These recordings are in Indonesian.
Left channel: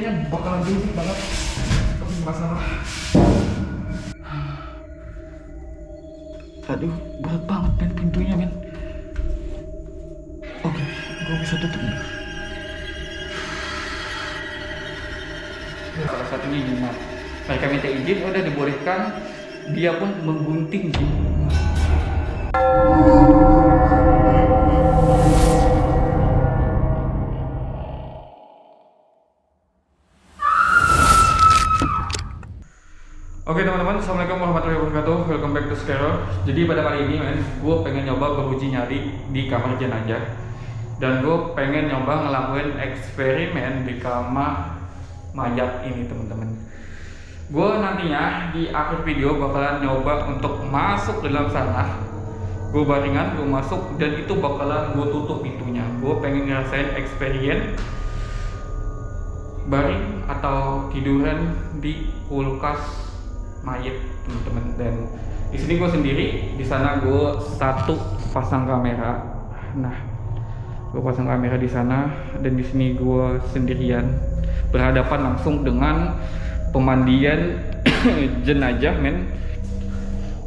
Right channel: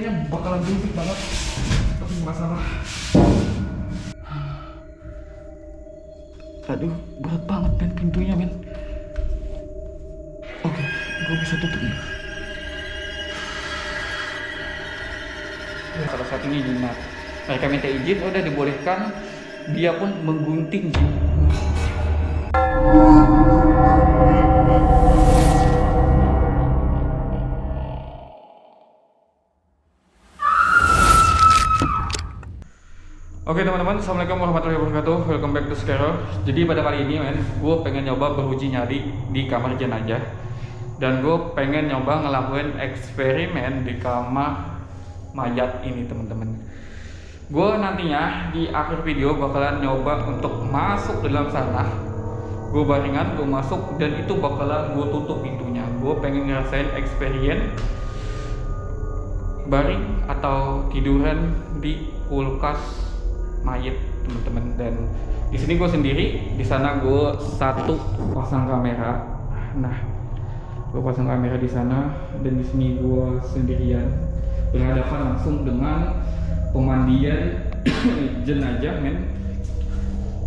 kayaknya bakalan berisik banget. Tapi masalah. Aduh, berat banget men pintunya men. Oke, gue bisa tutup nih. Salah satunya jimat. Mereka minta izin, udah dibolehkan. Dia pun menggunting jin. Oke teman-teman, assalamualaikum warahmatullahi wabarakatuh. Welcome back to Scarrow. Jadi pada kali ini men, gue pengen nyoba beruji nyali di kamar jenazah. Dan gue pengen nyoba ngelakuin eksperimen di kamar mayat ini teman-teman. Gue nantinya di akhir video bakalan nyoba untuk masuk ke dalam sana. Gue baringan, gue masuk dan itu bakalan gue tutup pintunya. Gue pengen ngerasain experience baring atau tiduran di kulkas mayat teman-teman. Dan di sini gue sendiri, di sana gue satu pasang kamera. Nah, gue pasang kamera di sana dan di sini gue sendirian berhadapan langsung dengan pemandian jenazah men.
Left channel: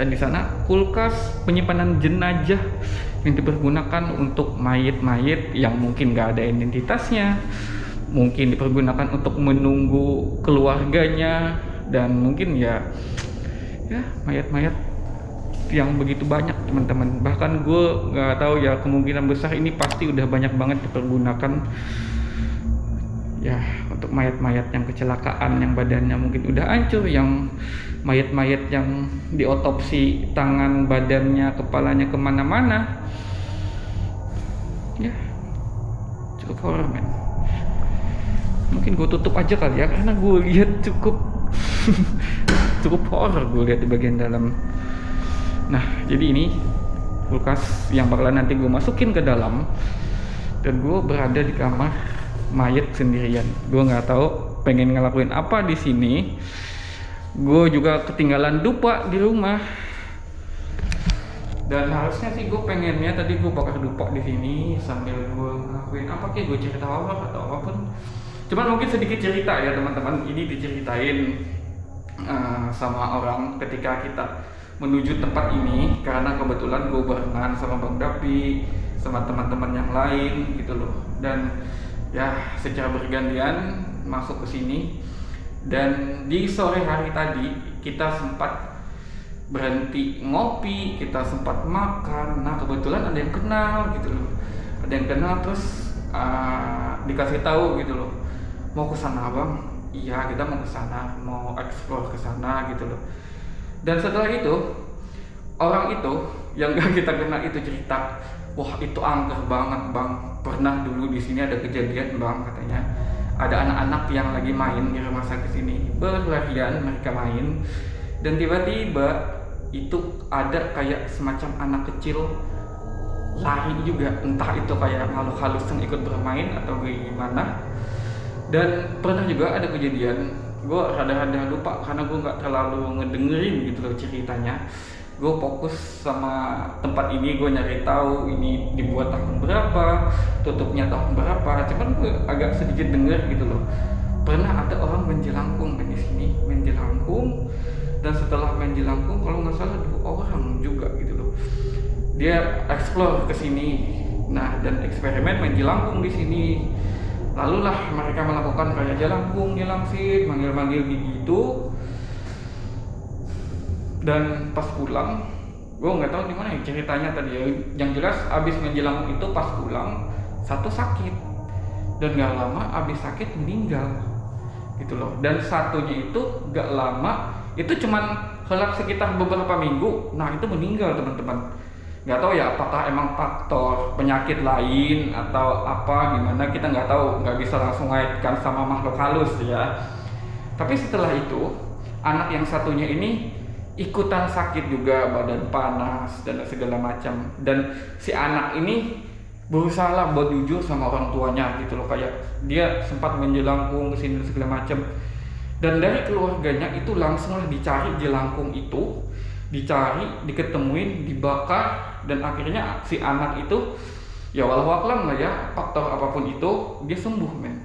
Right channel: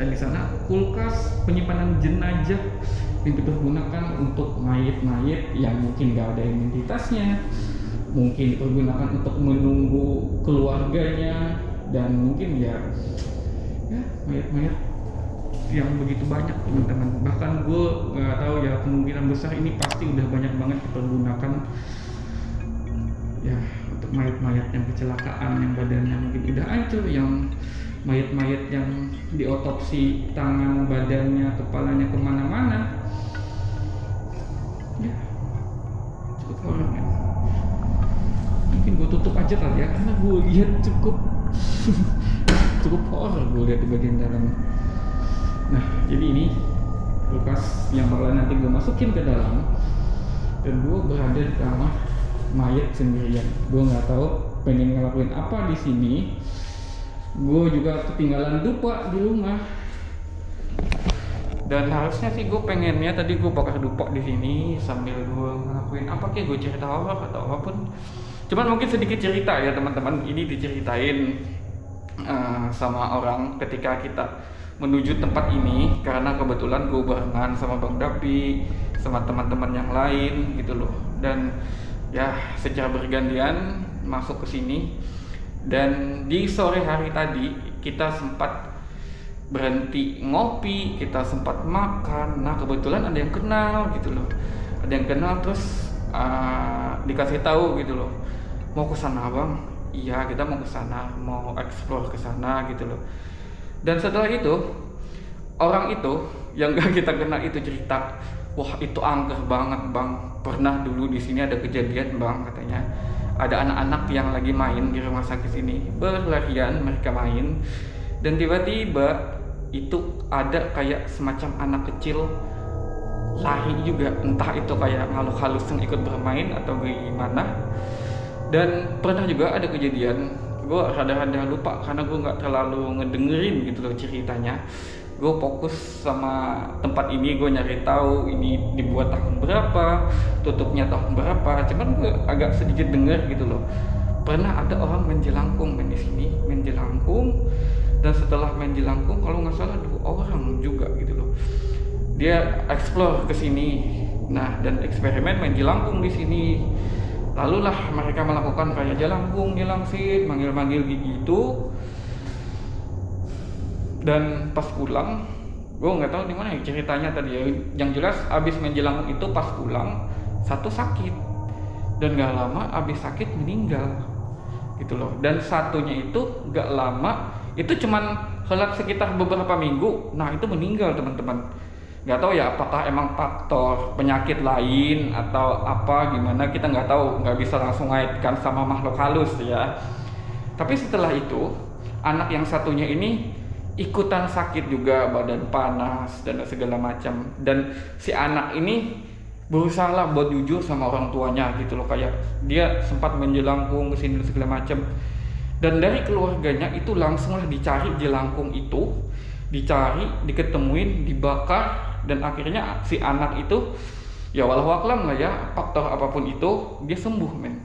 Dan di sana kulkas penyimpanan jenazah yang dipergunakan untuk mayat-mayat yang mungkin gak ada identitasnya, mungkin dipergunakan untuk menunggu keluarganya, dan mungkin ya mayat-mayat yang begitu banyak teman-teman. Bahkan gue nggak tahu ya, kemungkinan besar ini pasti udah banyak banget dipergunakan ya untuk mayat-mayat yang kecelakaan, yang badannya mungkin udah hancur, yang mayat-mayat yang diotopsi tangan, badannya, kepalanya kemana-mana. Ya cukup horor men. Mungkin gue tutup aja kali ya, karena gue lihat cukup horor gue lihat di bagian dalam. Nah, jadi ini kulkas yang bakalan nanti gue masukin ke dalam, dan gue berada di kamar mayat sendirian. Gue nggak tahu pengen ngelakuin apa di sini. Gue juga ketinggalan dupa di rumah. Dan harusnya sih gue pengennya tadi gue bakar dupa di sini sambil gue ngelakuin apa kayak gue cerita horor atau apapun. Cuman mungkin sedikit cerita ya teman-teman. Ini diceritain sama orang ketika kita menuju tempat ini, karena kebetulan gue barengan sama Bang Dapi, sama teman-teman yang lain gitu loh. Dan ya secara bergantian masuk ke sini. Dan di sore hari tadi kita sempat berhenti ngopi, kita sempat makan. Nah kebetulan ada yang kenal gitu loh, ada yang kenal terus dikasih tahu gitu loh, mau ke sana bang. Iya kita mau ke sana, mau explore ke sana gitu loh. Dan setelah itu orang itu yang gak kita kenal itu cerita, wah itu angker banget bang, pernah dulu di sini ada kejadian bang, katanya ada anak-anak yang lagi main di rumah sakit ini, berlarian mereka main, dan tiba-tiba itu ada kayak semacam anak kecil lari juga, entah itu kayak makhluk halus yang ikut bermain atau gimana. Dan pernah juga ada kejadian, gue rada-rada lupa karena gue nggak terlalu ngedengerin gitu loh ceritanya. Gue fokus sama tempat ini, gue nyari tahu ini dibuat tahun berapa, tutupnya tahun berapa. Cuman gue agak sedikit denger gitu loh. Pernah ada orang main jelangkung main di sini, main jelangkung. Dan setelah main jelangkung, kalau nggak salah 2 orang juga gitu loh. Dia explore ke sini, nah dan eksperimen main jelangkung di sini. Lalu lah mereka melakukan kayak jelangkung, jelangsit, manggil-manggil gitu. Dan pas pulang, gue nggak tahu di mana ya ceritanya tadi ya. Yang jelas abis main jelangkung itu pas pulang satu sakit, dan nggak lama abis sakit meninggal gitu loh. Dan satunya itu nggak lama, itu cuman helat sekitar beberapa minggu. Nah itu meninggal teman-teman. Nggak tahu ya apakah emang faktor penyakit lain atau apa gimana, kita nggak tahu, nggak bisa langsung ngaitkan sama makhluk halus ya. Tapi setelah itu anak yang satunya ini ikutan sakit juga, badan panas dan segala macam. Dan si anak ini berusaha lah buat jujur sama orang tuanya gitu loh, kayak dia sempat main jelangkung kesini dan segala macam. Dan dari keluarganya itu langsung lah dicari jelangkung itu, dicari, diketemuin, dibakar. Dan akhirnya si anak itu ya walau aklam lah ya, faktor apapun itu dia sembuh men.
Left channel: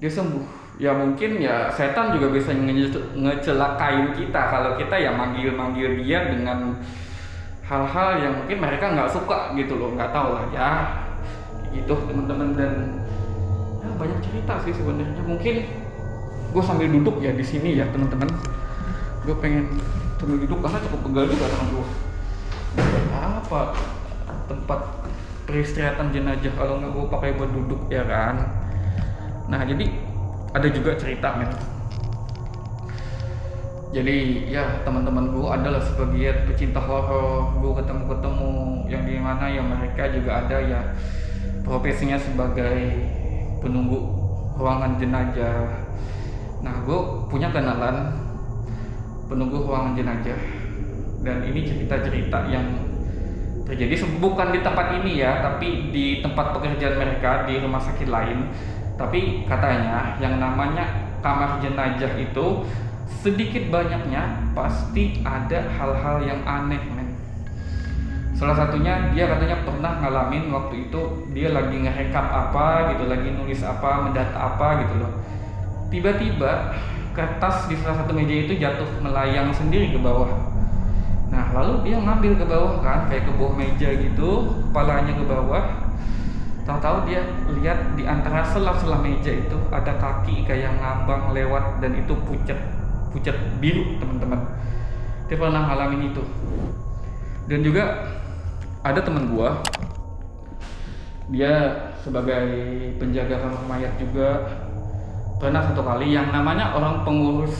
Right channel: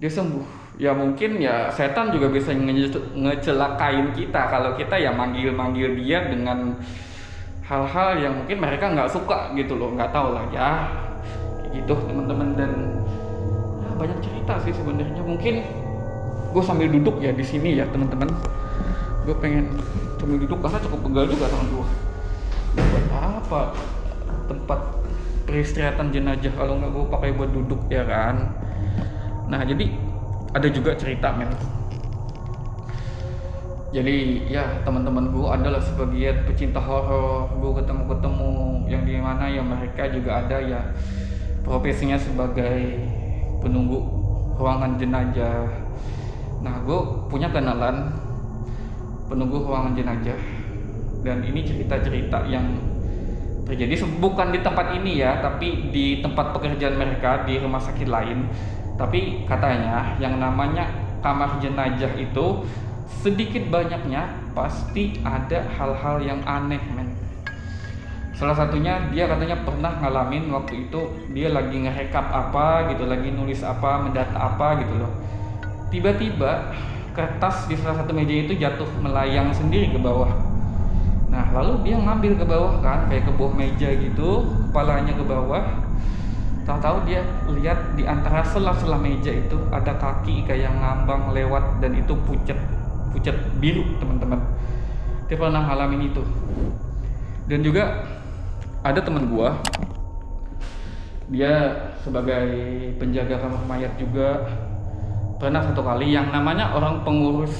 dia sembuh. Ya mungkin ya setan juga bisa ngecelakain kita kalau kita ya manggil-manggil dia dengan hal-hal yang mungkin mereka nggak suka gitu loh, nggak tahu lah ya gitu teman-teman. Dan ya banyak cerita sih sebenarnya. Mungkin gue sambil duduk ya di sini ya teman-teman, gue pengen sambil duduk karena cukup pegal juga tangan gue. Buat apa tempat peristirahatan jenazah kalau nggak gue pakai buat duduk ya kan. Nah jadi ada juga cerita men. Jadi ya teman-teman gue adalah sebagian pecinta horor. Gue ketemu yang di mana ya mereka juga ada ya profesinya sebagai penunggu ruangan jenazah. Nah gue punya kenalan penunggu ruangan jenazah, dan ini cerita-cerita yang terjadi bukan di tempat ini ya, tapi di tempat pekerjaan mereka di rumah sakit lain. Tapi katanya yang namanya kamar jenazah itu sedikit banyaknya pasti ada hal-hal yang aneh men. Salah satunya dia katanya pernah ngalamin waktu itu dia lagi ngerekap apa gitu, lagi nulis apa, mendata apa gitu loh. Tiba-tiba kertas di salah satu meja itu jatuh melayang sendiri ke bawah. Nah lalu dia ngambil ke bawah kan, kayak ke bawah meja gitu, kepalanya ke bawah. Tahu-tahu dia lihat di antara sela-sela meja itu ada kaki kayak ngambang lewat, dan itu pucat biru teman-teman. Dia pernah ngalamin itu. Dan juga ada teman gua, dia sebagai penjaga kamar mayat juga, pernah satu kali yang namanya orang pengurus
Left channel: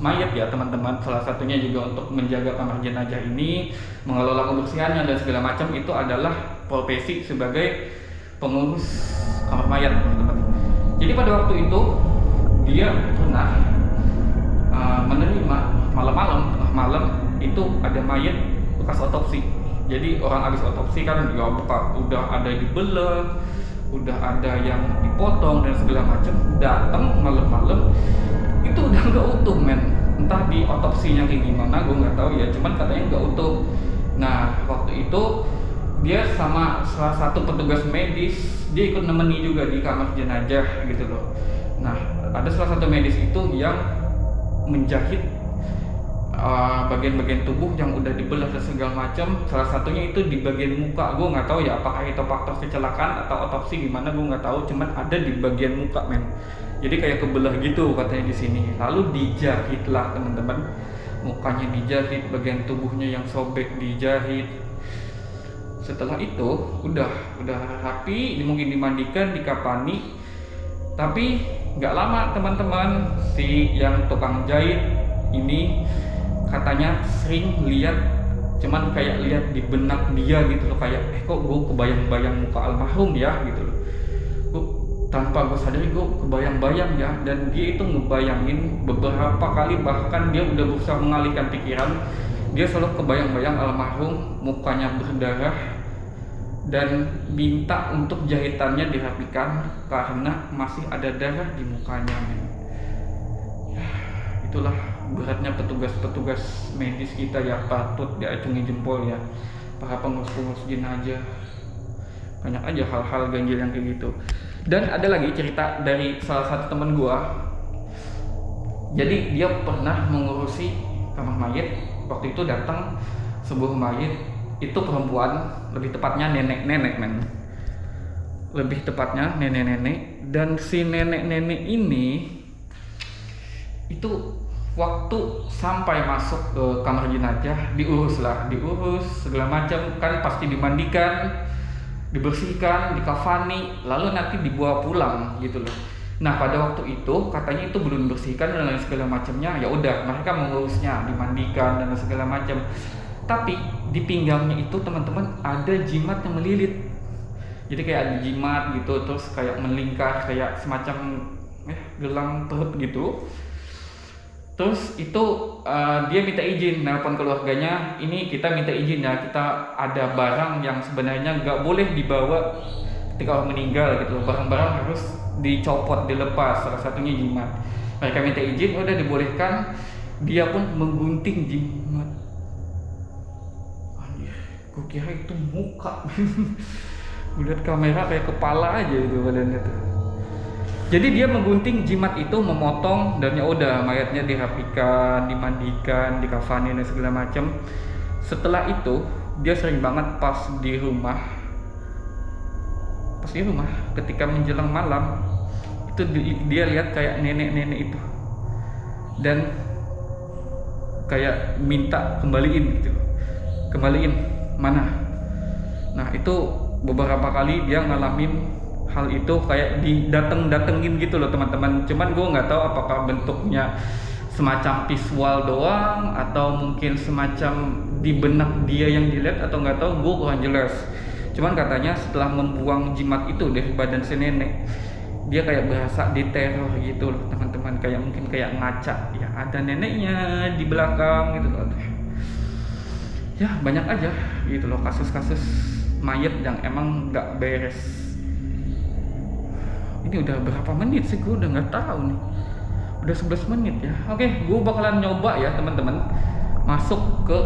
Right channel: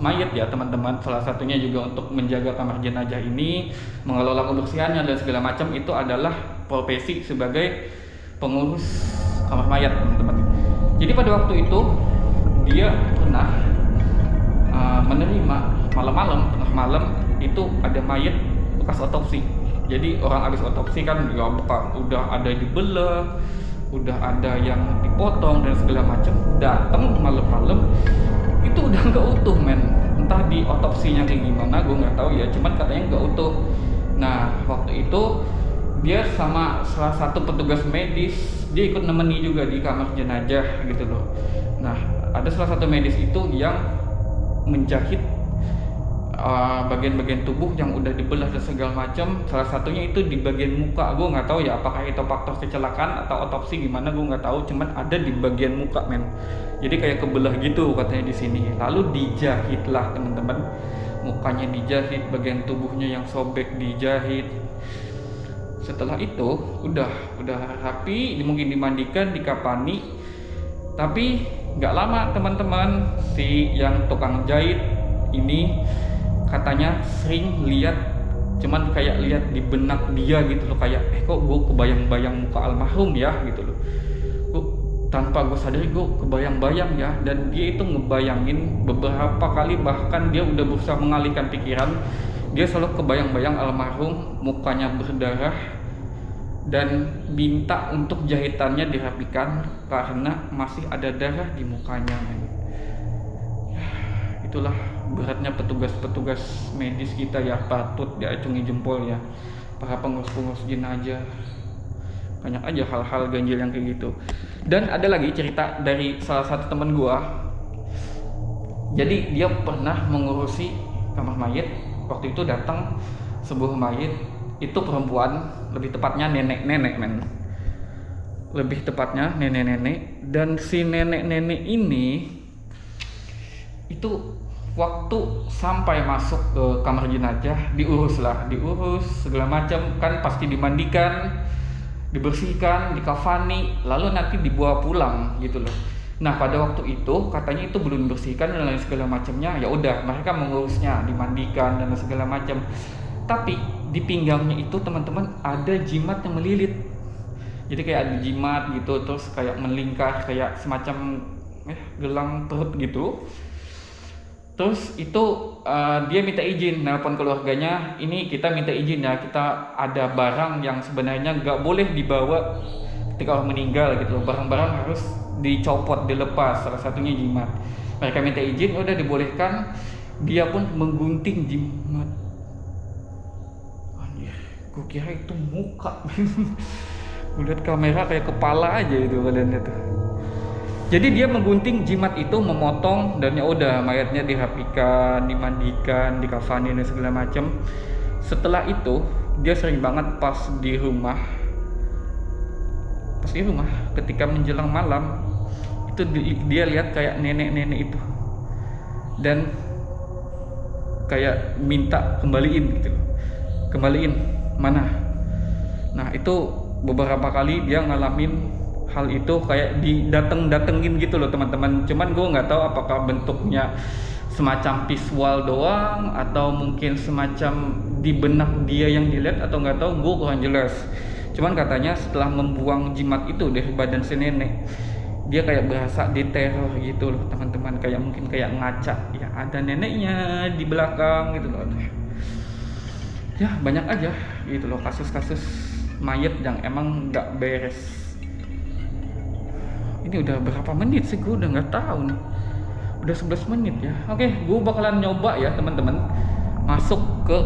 mayat ya teman-teman, salah satunya juga untuk menjaga kamar jenazah ini, mengelola kebersihannya dan segala macam, itu adalah profesi sebagai pengurus kamar mayat teman-teman. Jadi pada waktu itu dia pernah menerima malam-malam, tengah malam itu ada mayat bekas otopsi. Jadi orang habis otopsi kan ya udah ada dibelah, udah ada yang dipotong dan segala macam. Datang malam-malam itu udah nggak utuh men. Entah di otopsinya kayak gimana gue nggak tahu ya, cuman katanya nggak utuh. Nah waktu itu dia sama salah satu petugas medis, dia ikut nemeni juga di kamar jenazah gitu loh. Nah ada salah satu medis itu yang menjahit bagian-bagian tubuh yang udah dibelah dan segala macam. Salah satunya itu di bagian muka. Gue nggak tahu ya apakah itu faktor kecelakaan atau otopsi gimana, gue nggak tahu. Cuman ada di bagian muka men. Jadi kayak kebelah gitu katanya di sini. Lalu dijahit lah teman-teman. Mukanya dijahit, bagian tubuhnya yang sobek dijahit. Setelah itu udah rapi, mungkin dimandikan, dikapani. Tapi nggak lama teman-teman, si yang tukang jahit ini katanya sering lihat, cuman kayak lihat di benak dia gitu loh, kayak kok gue kebayang-bayang muka almarhum ya gitu loh. Gue tanpa gue sadari gue kebayang-bayang ya, dan dia itu ngebayangin beberapa kali, bahkan dia udah berusaha mengalihkan pikiran. Dia selalu kebayang-bayang almarhum mukanya berdarah dan minta untuk jahitannya dirapikan karena masih ada darah di mukanya men. Ya, itulah beratnya petugas medis kita ya, patut diacungi jempol ya para pengurus jenazah. Banyak aja hal-hal ganjil yang kayak gitu. Dan ada lagi cerita dari salah satu teman gua. Jadi dia pernah mengurusi kamar mayat. Waktu itu datang sebuah mayat, itu perempuan, lebih tepatnya nenek-nenek men. Lebih tepatnya nenek-nenek. Dan si nenek-nenek ini itu waktu sampai masuk ke kamar jenazah diurus segala macam kan, pasti dimandikan, dibersihkan, dikafani, lalu nanti dibawa pulang gitu loh. Nah pada waktu itu katanya itu belum dibersihkan dan lain segala macamnya. Ya udah mereka mengurusnya, dimandikan dan segala macam. Tapi di pinggangnya itu teman-teman ada jimat yang melilit. Jadi kayak ada jimat gitu, terus kayak melingkar kayak semacam gelang perut gitu. Terus itu dia minta izin, nelpon keluarganya, ini kita minta izin ya, kita ada barang yang sebenarnya nggak boleh dibawa ketika orang meninggal gitu loh. Barang-barang harus dicopot, dilepas, salah satunya jimat. Mereka minta izin, udah dibolehkan. Dia pun menggunting jimat. Gue kira itu muka. Gue lihat kamera kayak kepala aja itu badannya tuh. Jadi dia menggunting jimat itu, memotong, dan ya udah mayatnya dirapikan, dimandikan, dikafanin dan segala macam. Setelah itu dia sering banget pas di rumah ketika menjelang malam itu dia lihat kayak nenek-nenek itu dan kayak minta kembaliin gitu loh. Kembaliin mana? Nah itu beberapa kali dia ngalamin hal itu kayak didatengin gitu loh teman-teman. Cuman gue nggak tahu apakah bentuknya semacam visual doang atau mungkin semacam di benak dia yang dilihat atau nggak tahu, gue kurang jelas. Cuman katanya setelah membuang jimat itu dari badan si nenek, dia kayak berasa diteror gitu loh teman-teman, kayak mungkin kayak ngaca ya ada neneknya di belakang gitu loh. Ya banyak aja gitu loh kasus-kasus mayat yang emang nggak beres. Ini udah berapa menit sih, gue udah nggak tahu nih. Udah 11 menit ya. Oke, gue bakalan nyoba ya teman-teman masuk ke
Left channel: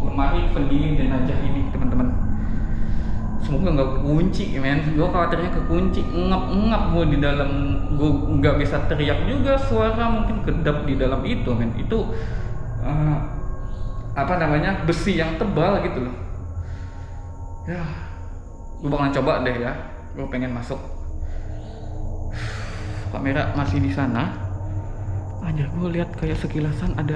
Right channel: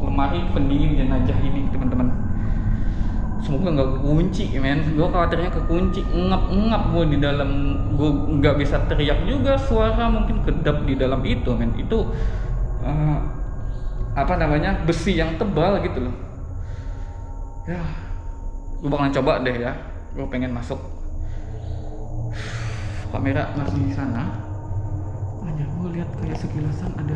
lemari pendingin jenazah ini teman-teman. Semoga nggak kunci men. Gue khawatirnya kekunci, ngap gue di dalam. Gue nggak bisa teriak juga, suara mungkin kedap di dalam itu men. Itu apa namanya, besi yang tebal gitu loh. Ya, gue bakalan coba deh ya. Gue pengen masuk. Kamera masih di sana aja. Gue lihat kayak sekilasan ada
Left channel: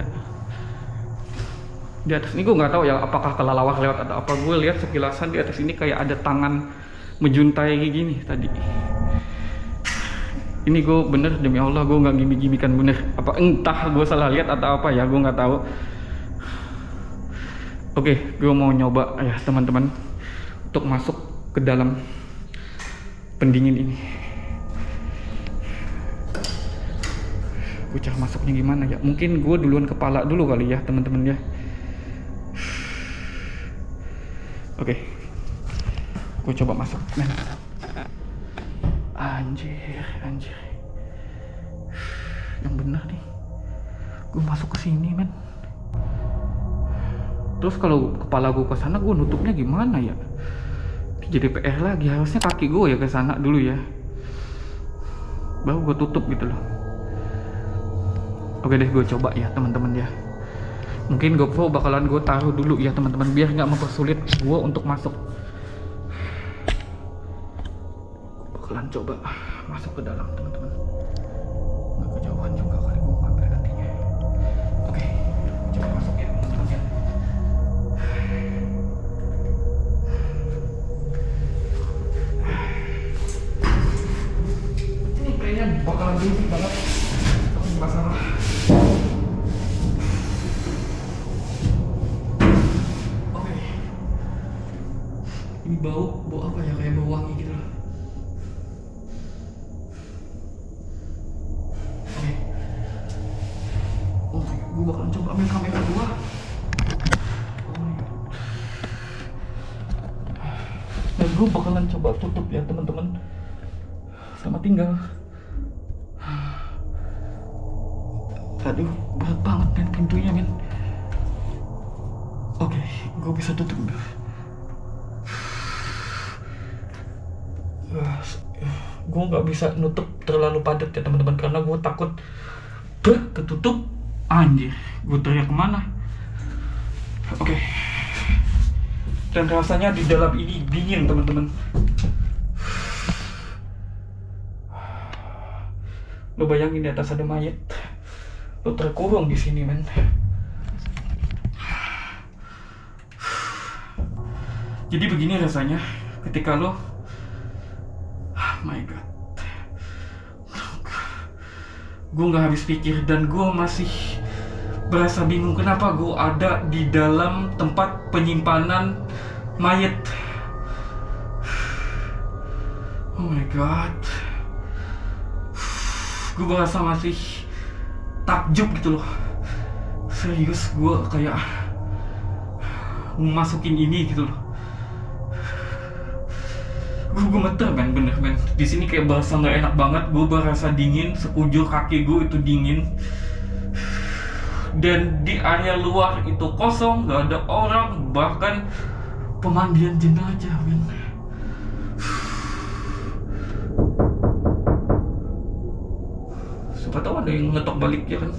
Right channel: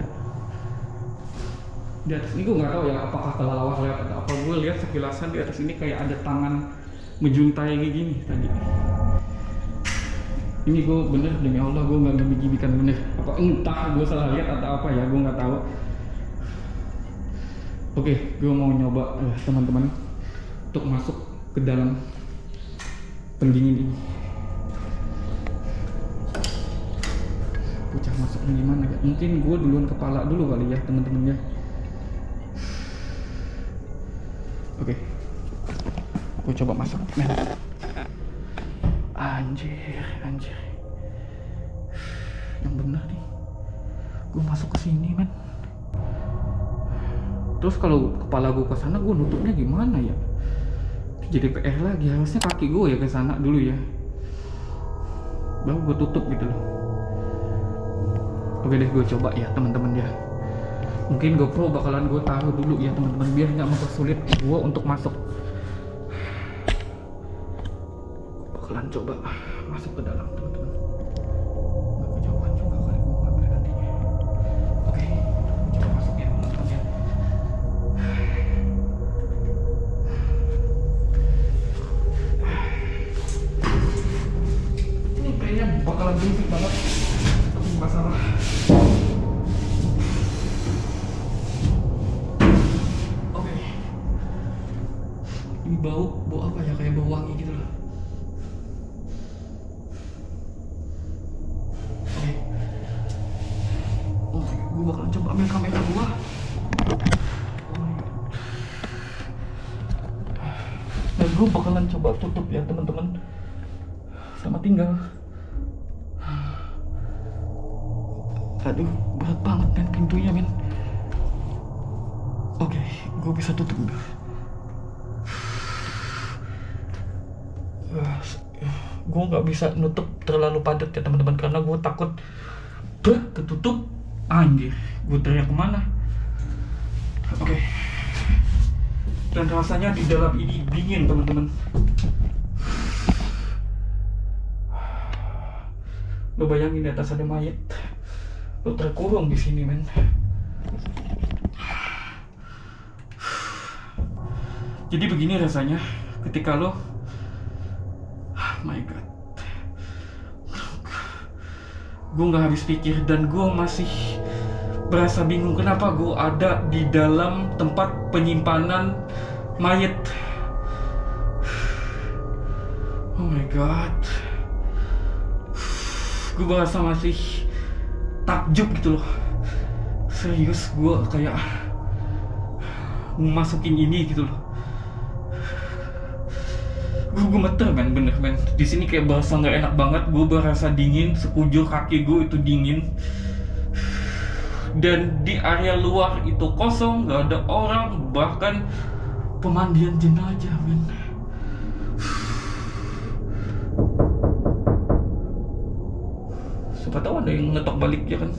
di atas ini. Gue nggak tahu ya apakah kelelawar lewat atau apa. Gue lihat sekilasan di atas ini kayak ada tangan menjuntai kayak gini tadi. Ini gue bener demi Allah, gue nggak gimmick-gimmickan bener. Apa entah gue salah lihat atau apa ya, gue nggak tahu. Oke, gue mau nyoba ya teman-teman untuk masuk ke dalam pendingin ini. Gue cara masuknya gimana ya? Mungkin gue duluan kepala dulu kali ya teman-teman ya. Oke, gue coba masuk. Nah. Anjir. Yang benar nih. Gue masuk ke sini men. Terus kalau kepala gue ke sana, gue nutupnya gimana ya? Jadi PR lagi. Harusnya kaki gue ya ke sana dulu ya. Baru gue tutup gitu loh. Oke deh, gue coba ya teman-teman ya. Mungkin GoPro bakalan gue taruh dulu ya teman-teman, biar nggak mempersulit gue untuk masuk. Bakalan coba masuk ke dalam teman-teman. Nggak kejauhan juga kali gue ngambil nantinya. Oke, coba masuk ya teman-teman ya. Ini kayaknya bakalan berisik banget. Tapi nggak masalah. Ini bau apa ya, kayak bau wangi gitu loh. Oke. Oh, gue bakalan coba ambil kamera gua. Oh my god. Nah, gue bakalan coba tutup ya teman-teman. Selamat tinggal. Aduh, berat banget men pintunya men. Oke, gue bisa tutup. Gue nggak bisa nutup terlalu padat ya teman-teman, karena gue takut ketutup. Anjir, gue teriak kemana? Oke. Dan rasanya di dalam ini dingin teman-teman. Lo bayangin di atas ada mayat, lo terkurung di sini men. Jadi begini rasanya ketika lo, my god, gue nggak habis pikir dan gue masih berasa bingung kenapa gue ada di dalam tempat penyimpanan mayat. Oh my god, gue berasa masih takjub gitu loh. Serius, gue kayak masukin ini gitu loh. Gue gemeter men, bener men. Di sini kayak berasa nggak enak banget. Gue berasa dingin, sekujur kaki gue itu dingin. Dan di area luar itu kosong, nggak ada orang, bahkan pemandian jenazah men. siapa tahu ada yang ngetok balik ya kan.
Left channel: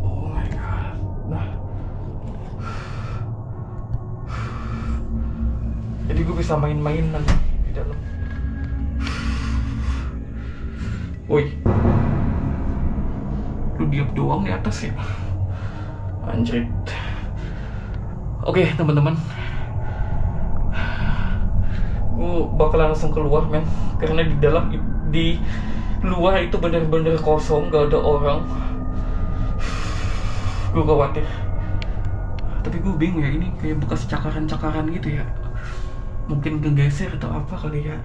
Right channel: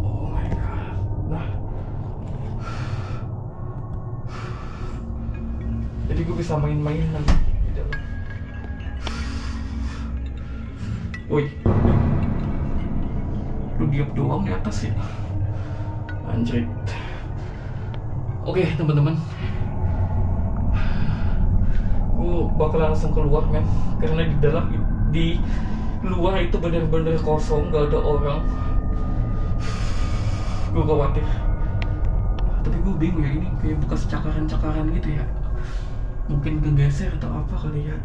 Oh my god. Nah, jadi gue bisa main-main nanti di dalam. Woi, lu diam doang di atas ya, anjir. Oke teman-teman, gue bakal langsung keluar men, karena di luar itu bener-bener kosong, gak ada orang. Gue khawatir, tapi gue bingung ya, ini kayak bekas cakaran-cakaran gitu ya, mungkin kegeser atau apa kali ya,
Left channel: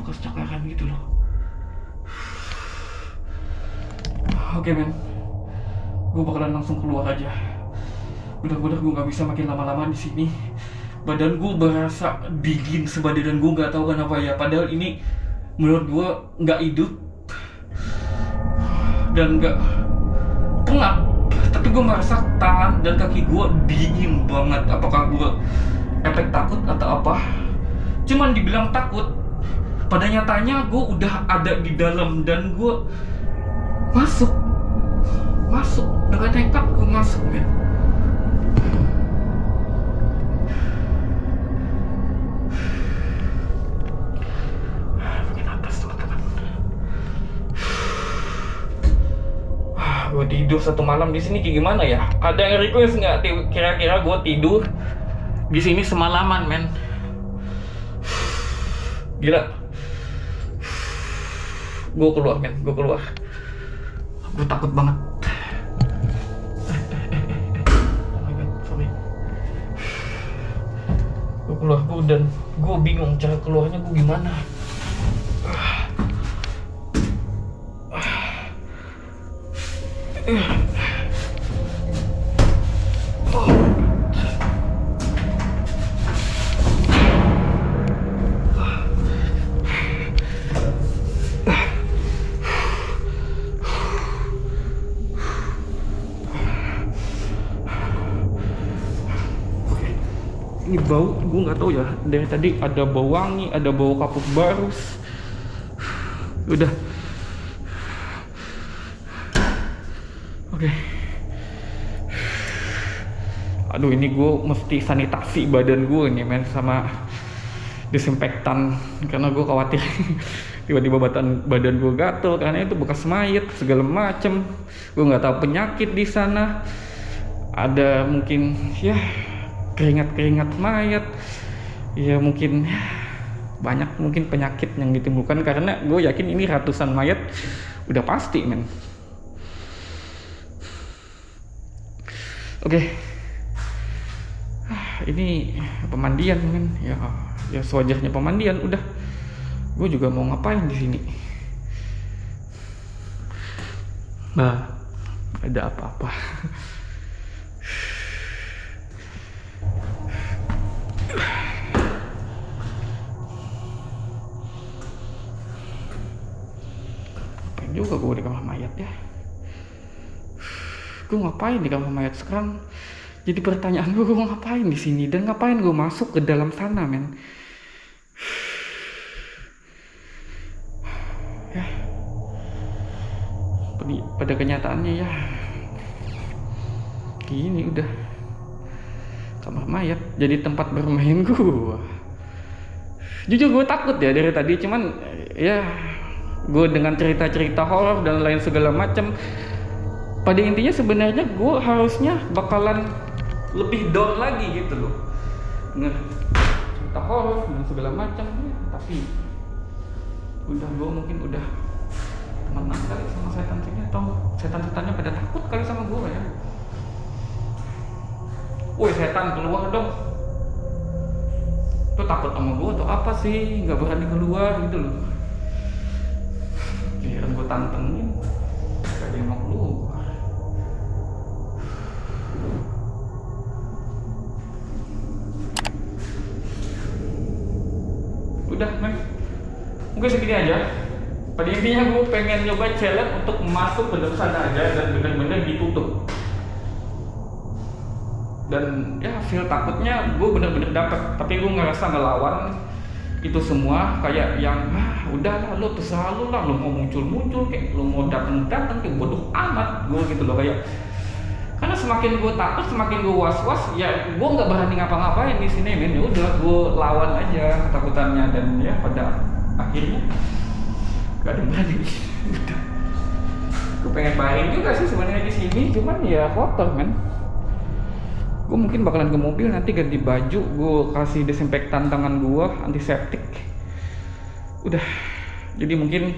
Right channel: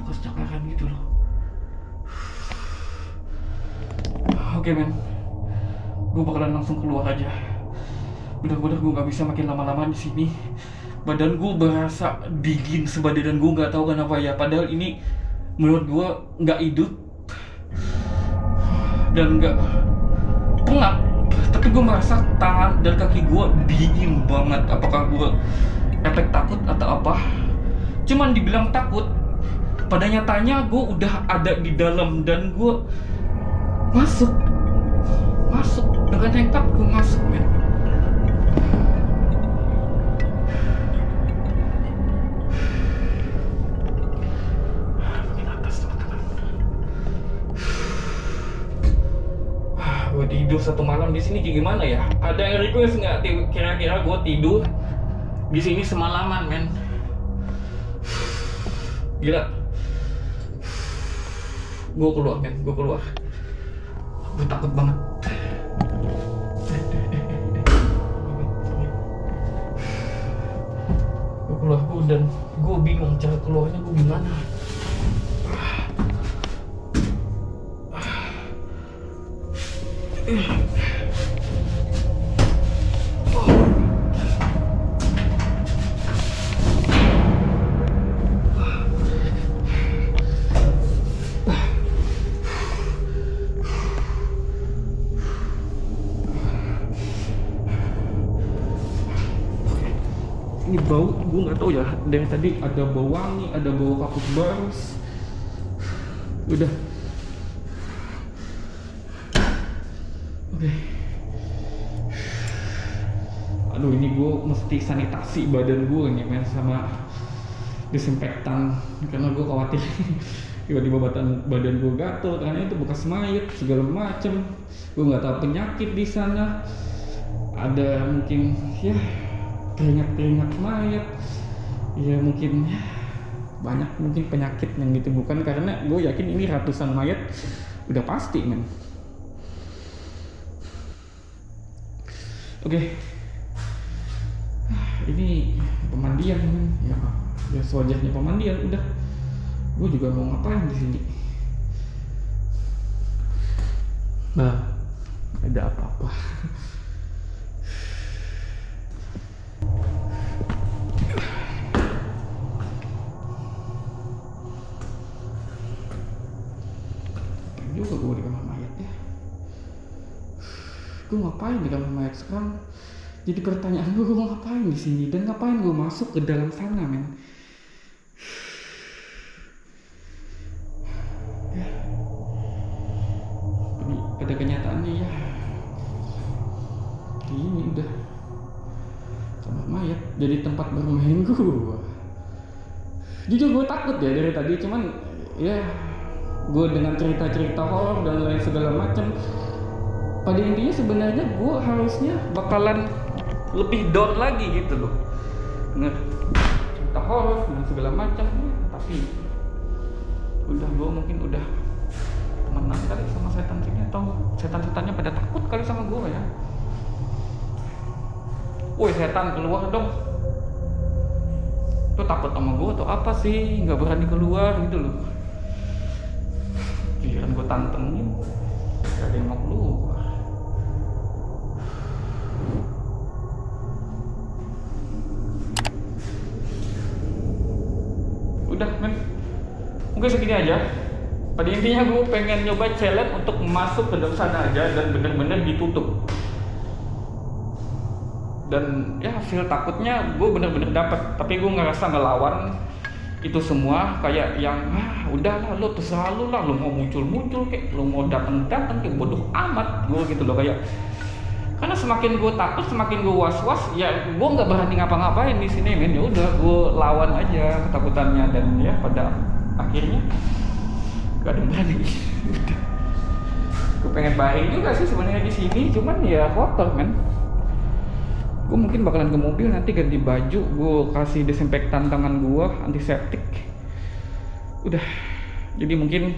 bekas cakaran gitu loh. Oke men, gue bakalan langsung keluar aja. Bener-bener gue gak bisa makin lama-lama di sini. Badan gue berasa dingin sebadan, gue nggak tahu kenapa ya. Padahal ini menurut gue nggak hidup dan nggak pengap, tapi gue merasa tangan dan kaki gue dingin banget. Apakah gue efek takut atau apa? Cuman dibilang takut, pada nyatanya gue udah ada di dalam dan gue masuk dengan nekat, gue masuk men. Bagian atas teman-teman. Gue tidur satu malam di sini kayak gimana ya? Ada yang request nggak? Kira-kira gue tidur di sini semalaman men. Gila. Gue keluar men, gue keluar. Gue takut banget. Gue keluar dan gue bingung cara keluarnya gue gimana. Ini bau, gue nggak tahu ya. Dari tadi ada bau wangi, ada bau kapuk barus. Udah. Oke. Aduh, ini gue mesti sanitasi badan gue nih men, sama disinfektan, karena gue khawatir tiba-tiba badan gue gatel karena itu bekas mayat segala macem. Gue nggak tahu penyakit di sana. Ada mungkin ya keringat mayat, ya mungkin banyak mungkin penyakit yang ditimbulkan, karena gue yakin ini ratusan mayat udah pasti men. Oke. Ini pemandian men, ya sewajarnya pemandian. Udah, gue juga mau ngapain di sini? Nah, ada apa-apa. Juga gue di kamar mayat ya. Gue ngapain di kamar mayat sekarang? Jadi pertanyaan gue ngapain di sini dan ngapain gue masuk ke dalam sana men? Ya, pada kenyataannya ya gini, udah kamar mayat jadi tempat bermain gue. Jujur gue takut ya dari tadi, cuman ya gue dengan cerita-cerita horor dan lain segala macam, pada intinya sebenarnya gue harusnya bakalan lebih down lagi gitu loh dengan cerita horor dan segala macam ya, tapi udah gue mungkin udah temenan kali sama setan sini, atau setan-setannya pada takut kali sama gue ya. Woi setan, keluar dong. Tuh takut sama gue atau apa sih, nggak berani keluar gitu loh. Giliran gue tantengin, gak ada yang mau keluar. Udah men, mungkin segini aja. Pada intinya gue pengen nyoba challenge untuk masuk ke dalam sana aja dan bener-bener ditutup. Dan ya feel takutnya gue bener-bener dapet, tapi gue ngerasa ngelawan itu semua kayak yang udahlah lo terserah lo lah, lo mau muncul kayak lo mau datang kayak bodoh amat gue gitu loh. Kayak karena semakin gue takut, semakin gue was-was, ya gue nggak berani ngapa-ngapain di sini men. Ya udah gue lawan aja ketakutannya, dan ya pada akhirnya gak ada yang berani. Udah, gue pengen baring juga sih sebenarnya di sini, cuman ya kotor men. Gue mungkin bakalan ke mobil nanti ganti baju, gue kasih desinfektan tangan gue, antiseptik. Udah, jadi mungkin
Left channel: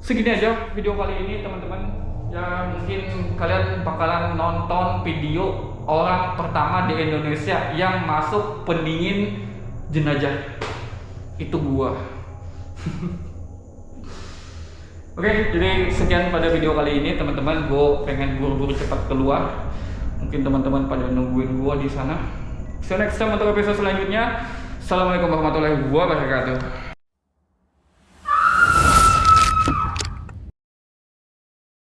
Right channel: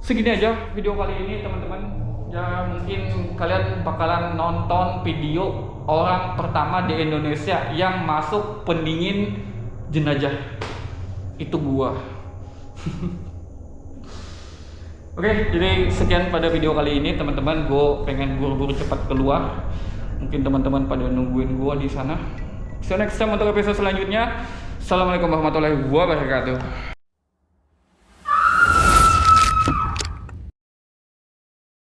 segini aja video kali ini teman-teman. Ya mungkin kalian bakalan nonton video orang pertama di Indonesia yang masuk pendingin jenazah. Itu gua. Oke, jadi sekian pada video kali ini teman-teman. Gue pengen buru-buru cepat keluar. Mungkin teman-teman pada nungguin gua di sana. See you next time untuk episode selanjutnya. Assalamualaikum warahmatullahi wabarakatuh.